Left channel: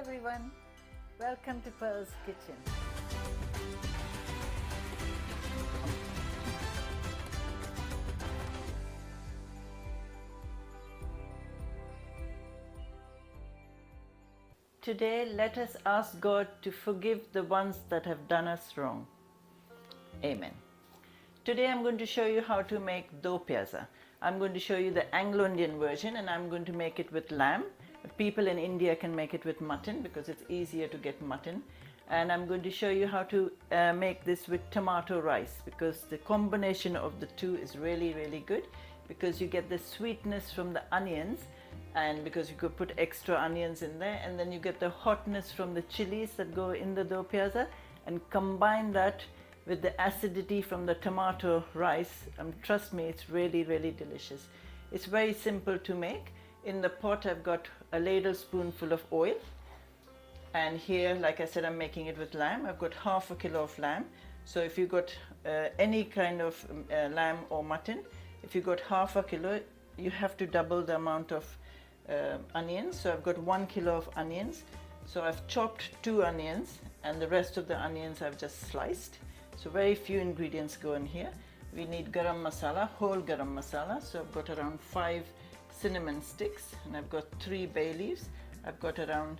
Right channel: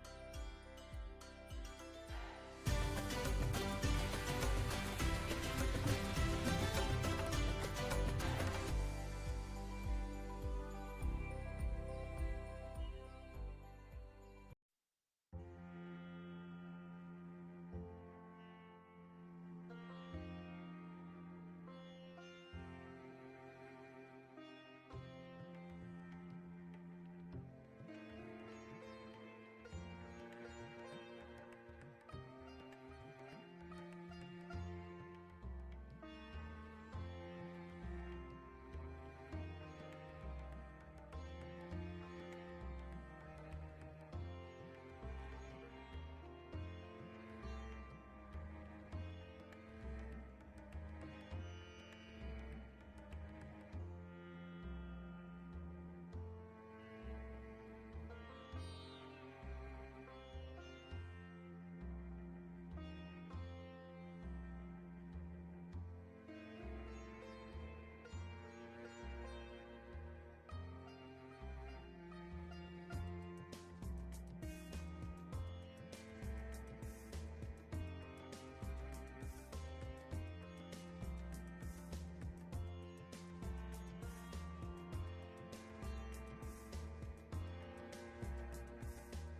everyone, welcome to Pearl's Kitchen. Today let us ask God to forgive the ones that have done us wrong. Amen. Today I'm going to show you how to make Do Pyaza. I'm going to show you the Anglo Indian version and I'm going to make it with lamb. People in India can make it with mutton because it's easier to get mutton. And I'm going to show you how to make this with tomato rice, because the combination of the two is really good, because you get the sweetness from the onions, and because you could put extra onions in there, and then you get the hotness from the chilies that go in the Do Pyaza, and combine that with the acidity from the tomato rice. Trust me, it's really delicious. It's very simple to make. In the pot I've got a ladle spoonful of oil, and here, like I said, I'm making it with lamb. I've got half a kilo of lamb. So if you got any kind of lamb or mutton, if you got half a kilo, you have to double the amount of onions. So I've got 1 kilo of onions. So I've chopped 2 onions and the rest of the onions I've just sliced. So very few ingredients go in here. We need garam masala, whole garam masala. So I've got around 5 cinnamon sticks, and I've got 3 bay leaves. I've got around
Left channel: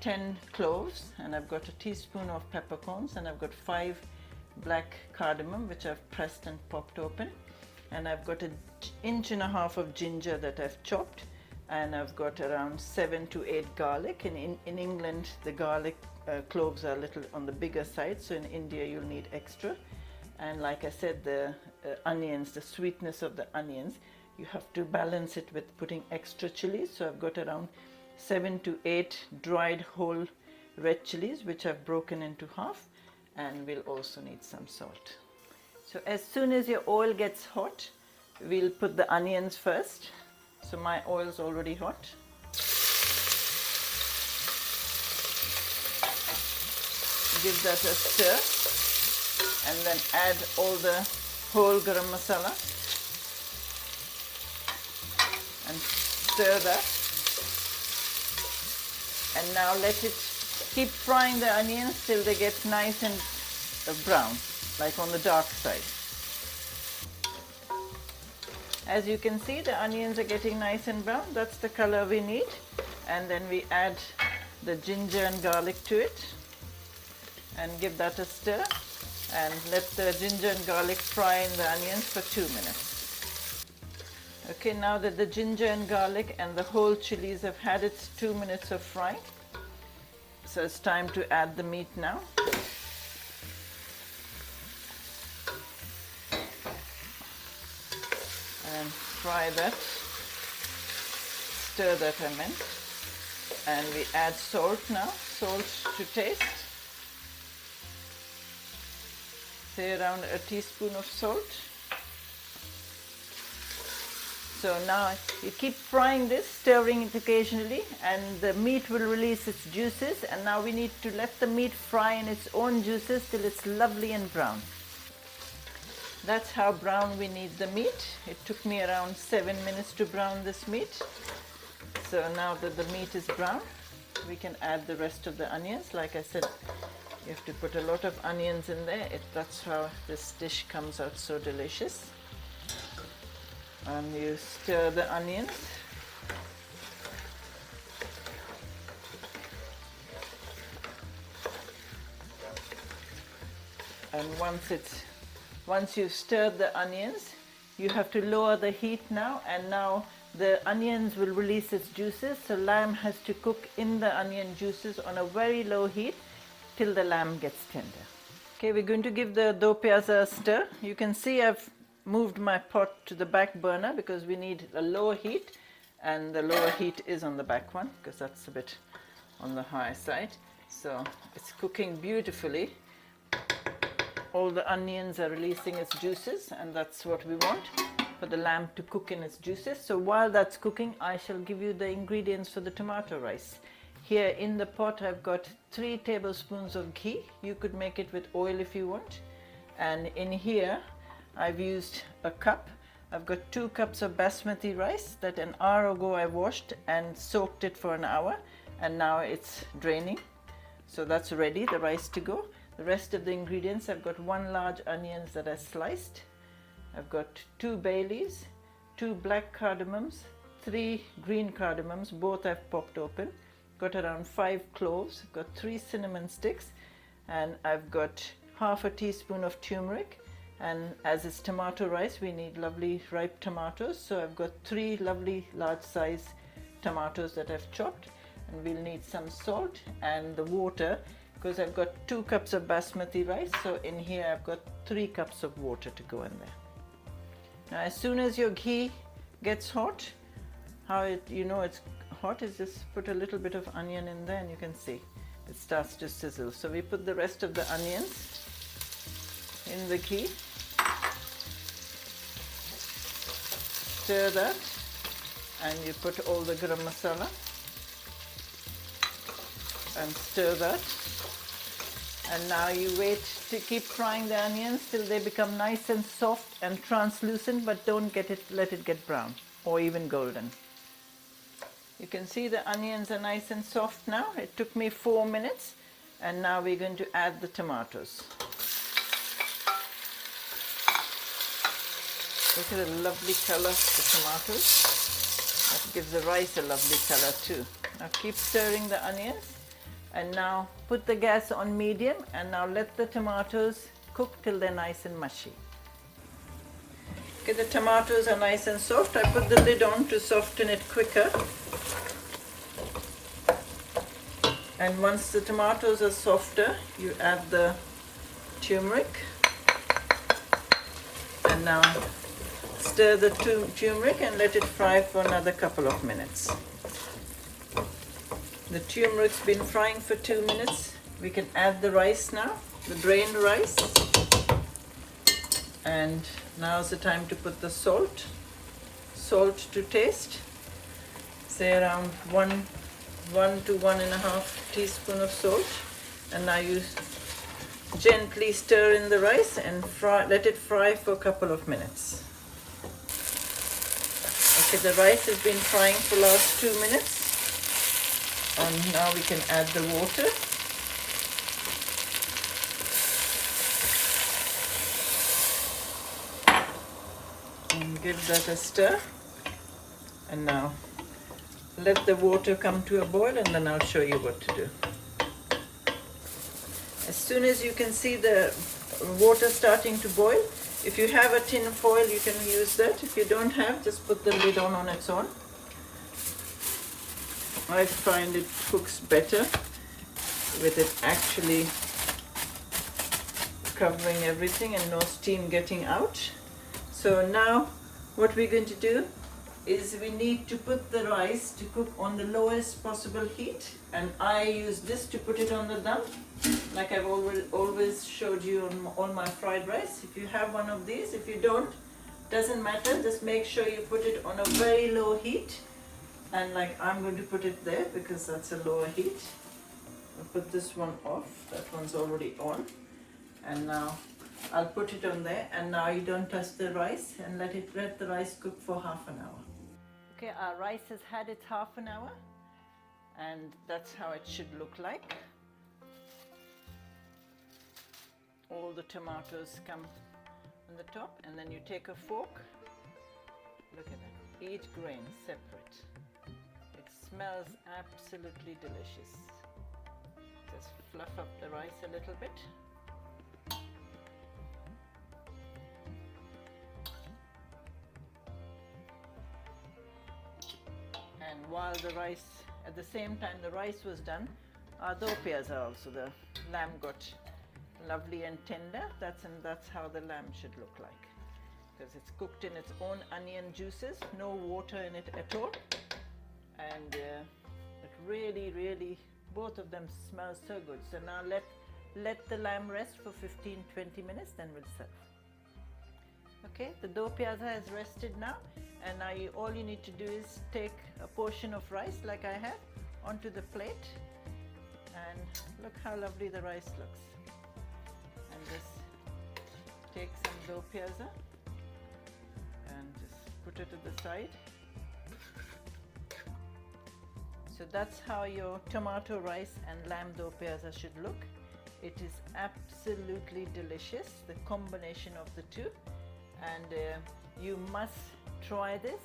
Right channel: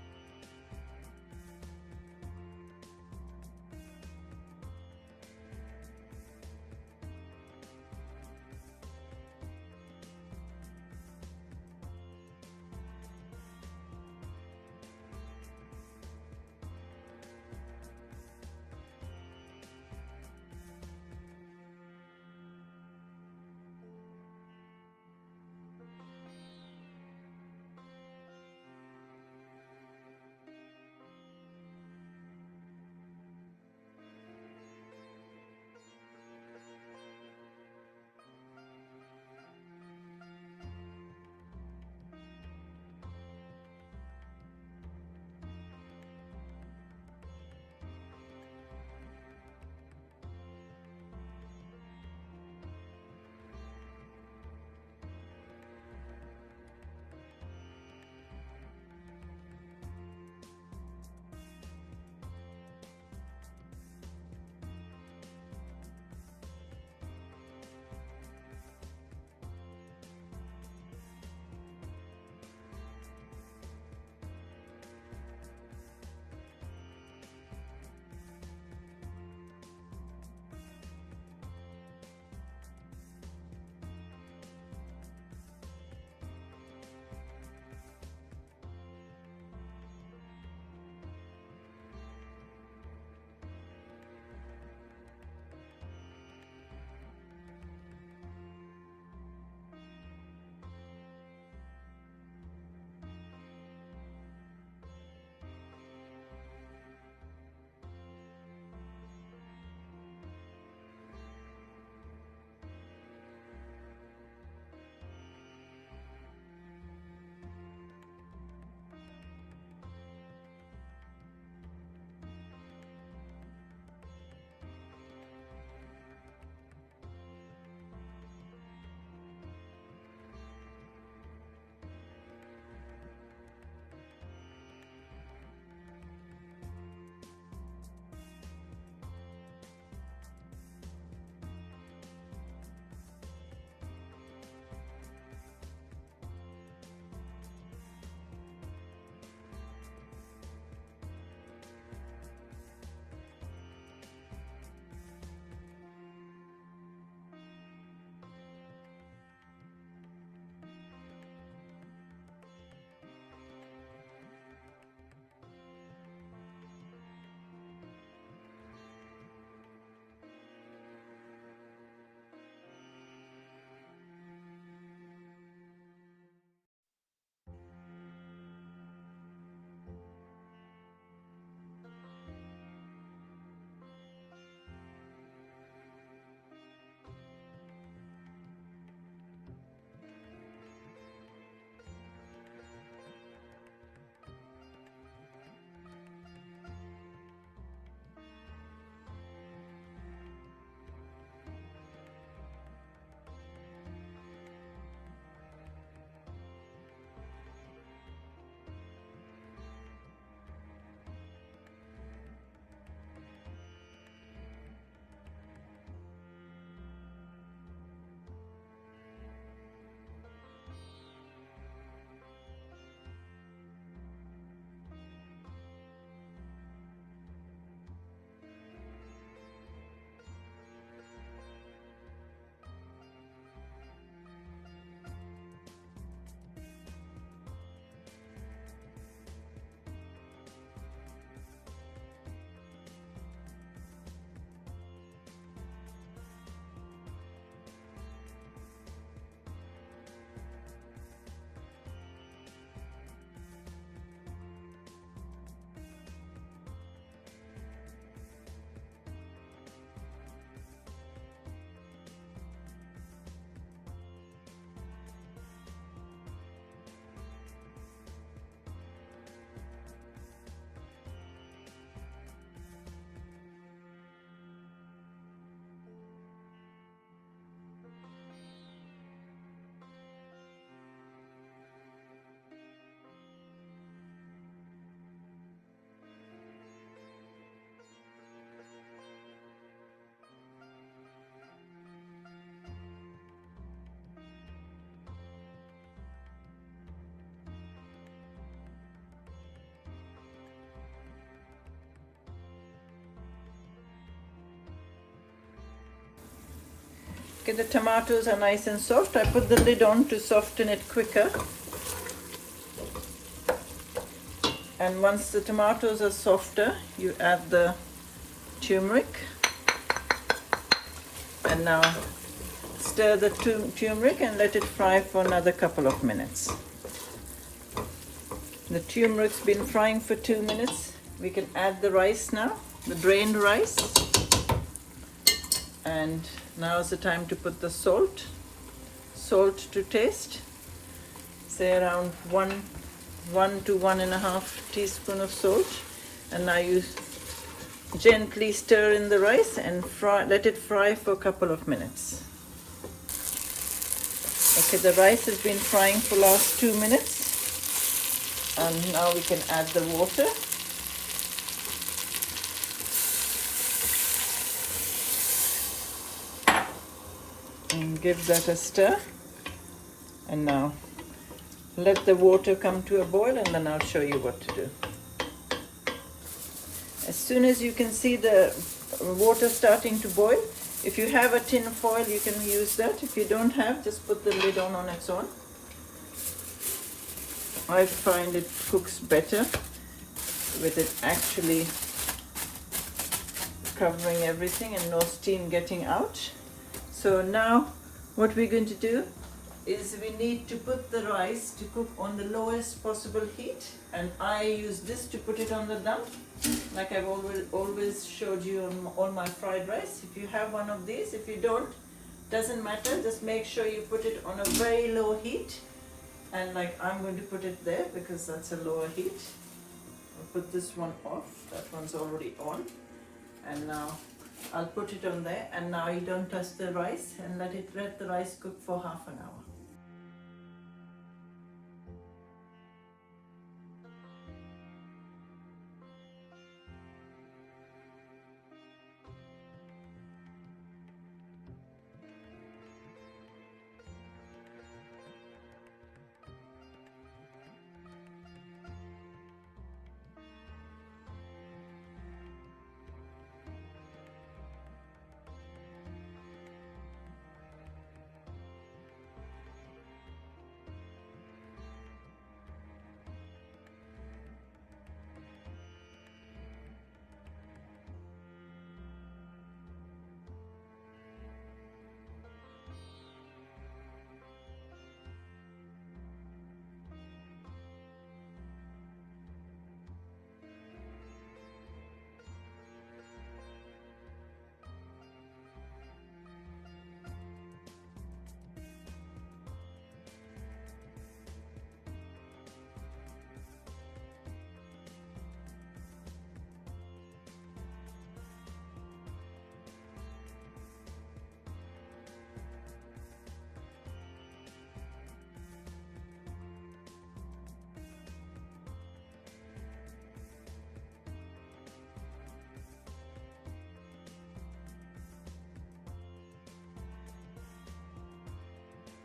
10 cloves, and I've got a teaspoon of peppercorns, and I've got 5 black cardamom which I've pressed and popped open, and I've got an inch and a half of ginger that I've chopped, and I've got around 7 to 8 garlic. In England the garlic cloves are a little on the bigger side, so in India you'll need extra. And like I said, the onions, the sweetness of the onions, you have to balance it with putting extra chilies. So I've got around 7 to 8 dried whole red chillies which I've broken into half, and we'll also need some salt. So as soon as your oil gets hot, we'll put the onions first. So my oil's already hot. Give that a stir and then add all the whole garam masala and stir that. And now keep frying the onions till they get nice and brown, like on the dark side. As you can see, the onions are getting nice and brown. That's the color we need. And then we add the ginger and garlic to it and give that a stir, and let the ginger and garlic fry in the onions for 2 minutes. Okay, now that the ginger and garlic and the whole chilies have had its 2 minutes of frying, so it's time to add the meat now. And fry that, stir that I meant. And we add salt now, salt to taste. Say around a teaspoon of salt. So now you keep frying this, stirring it occasionally, and the meat will release its juices, and now we need to let the meat fry in its own juices till it's lovely and brown. That's how brown we need the meat. It took me around 7 minutes to brown this meat. So now that the meat is brown, we can add the rest of the onions. Like I said, you have to put a lot of onions in there. That's how this dish comes out so delicious. And you stir the onions. And once you've stirred the onions, you have to lower the heat now, and now the onions will release its juices. So lamb has to cook in the onion juices on a very low heat till the lamb gets tender. Okay, we're going to give the Do Pyaza a stir. You can see I've moved my pot to the back burner because we need a lower heat, and the lower heat is on the back one because that's a bit on the high side. So it's cooking beautifully. All the onions are releasing its juices, and that's what we want, for the lamb to cook in its juices. So while that's cooking, I shall give you the ingredients for the tomato rice. Here in the pot I've got 3 tablespoons of ghee. You could make it with oil if you want. And in here I've used a cup. I've got 2 cups of basmati rice that an hour ago I washed and soaked it for an hour, and now it's draining. So that's ready, the rice to go. The rest of the ingredients, I've got 1 large onions that I sliced. I've got 2 bay leaves, 2 black cardamoms, 3 green cardamoms, both I've popped open. Got around 5 cloves, I've got 3 cinnamon sticks, and I've got half a teaspoon of turmeric. And as it's tomato rice, we need lovely ripe tomatoes. So I've got 3 lovely large size tomatoes that I've chopped. And we'll need some salt and the water, because I've got 2 cups of basmati rice. So in here I've got 3 cups of water to go in there. Now as soon as your ghee gets hot, you know it's hot is just put a little bit of onion in there, and you can see it starts to sizzle. So we put the rest of the onions in the ghee, stir that, and you put all the garam masala and stir that, and now you wait to keep frying the onions till they become nice and soft and translucent, but don't let it get brown or even golden. You can see the onions are nice and soft now. It took me 4 minutes, and now we're going to add the tomatoes. Look at the lovely color of the tomatoes. That gives the rice a lovely color too. Now keep stirring the onions, and now put the gas on medium, and now let the tomatoes cook till they're nice and mushy. Okay, the tomatoes are nice and soft. I put the lid on to soften it quicker. And once the tomatoes are softer, you add the turmeric, and now stir the turmeric and let it fry for another couple of minutes. The turmeric's been frying for 2 minutes. We can add the rice now, the drained rice. And now's the time to put the salt. Salt to taste. Say around 1 to 1.5 teaspoon of salt. And now you gently stir in the rice and let it fry for a couple of minutes. Okay, the rice has been frying for the last 2 minutes. And now we can add the water. And give that a stir. And now let the water come to a boil, and then I'll show you what to do. As soon as you can see the water starting to boil, if you have a tin foil, you can use that. If you don't have, just put the lid on its own. I find it cooks better with it actually covering everything and no steam getting out. So now what we're going to do is we need to put the rice to cook on the lowest possible heat, and I use this to put it on the dum, like I've always showed you on all my fried rice. If you have one of these, if you don't, doesn't matter, just make sure you put it on a very low heat. And like I'm going to put it there because that's a lower heat. I'll put this one off, that one's already on. And now I'll put it on there, and now you don't touch the rice, and let the rice cook for half an hour. Okay, our rice has had its half an hour, and that's how it should look like. All the tomatoes come on the top, and then you take a fork. Look at that, each grain separate. Smells absolutely delicious. Just fluff up the rice a little bit. And while the rice, at the same time the rice was done, our dopiaza also, the lamb got lovely and tender. That's how the lamb should look like. Because it's cooked in its own onion juices, no water in it at all. And it really, both of them smell so good. So now let the lamb rest for 15-20 minutes, then we'll serve. Okay, the dopiaza has rested now, and now all you need to do is take a portion of rice like I have onto the plate, and look how lovely the rice looks. And just take some dopiaza and just put it to the side. So that's how your tomato rice and lamb do pyaza should look. It is absolutely delicious, the combination of the two, and you must try this.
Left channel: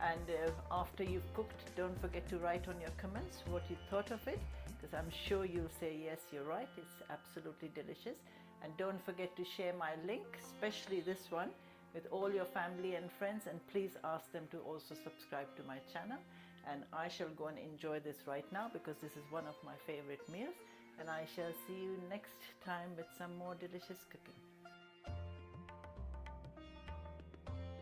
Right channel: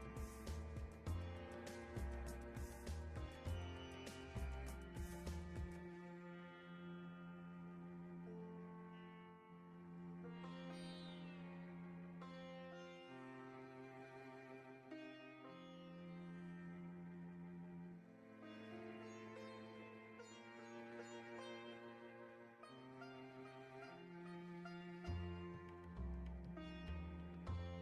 And after you've cooked, don't forget to write on your comments what you thought of it, because I'm sure you'll say yes, you're right, it's absolutely delicious. And don't forget to share my link, especially this one, with all your family and friends, and please ask them to also subscribe to my channel. And I shall go and enjoy this right now, because this is one of my favorite meals, and I shall see you next time with some more delicious cooking.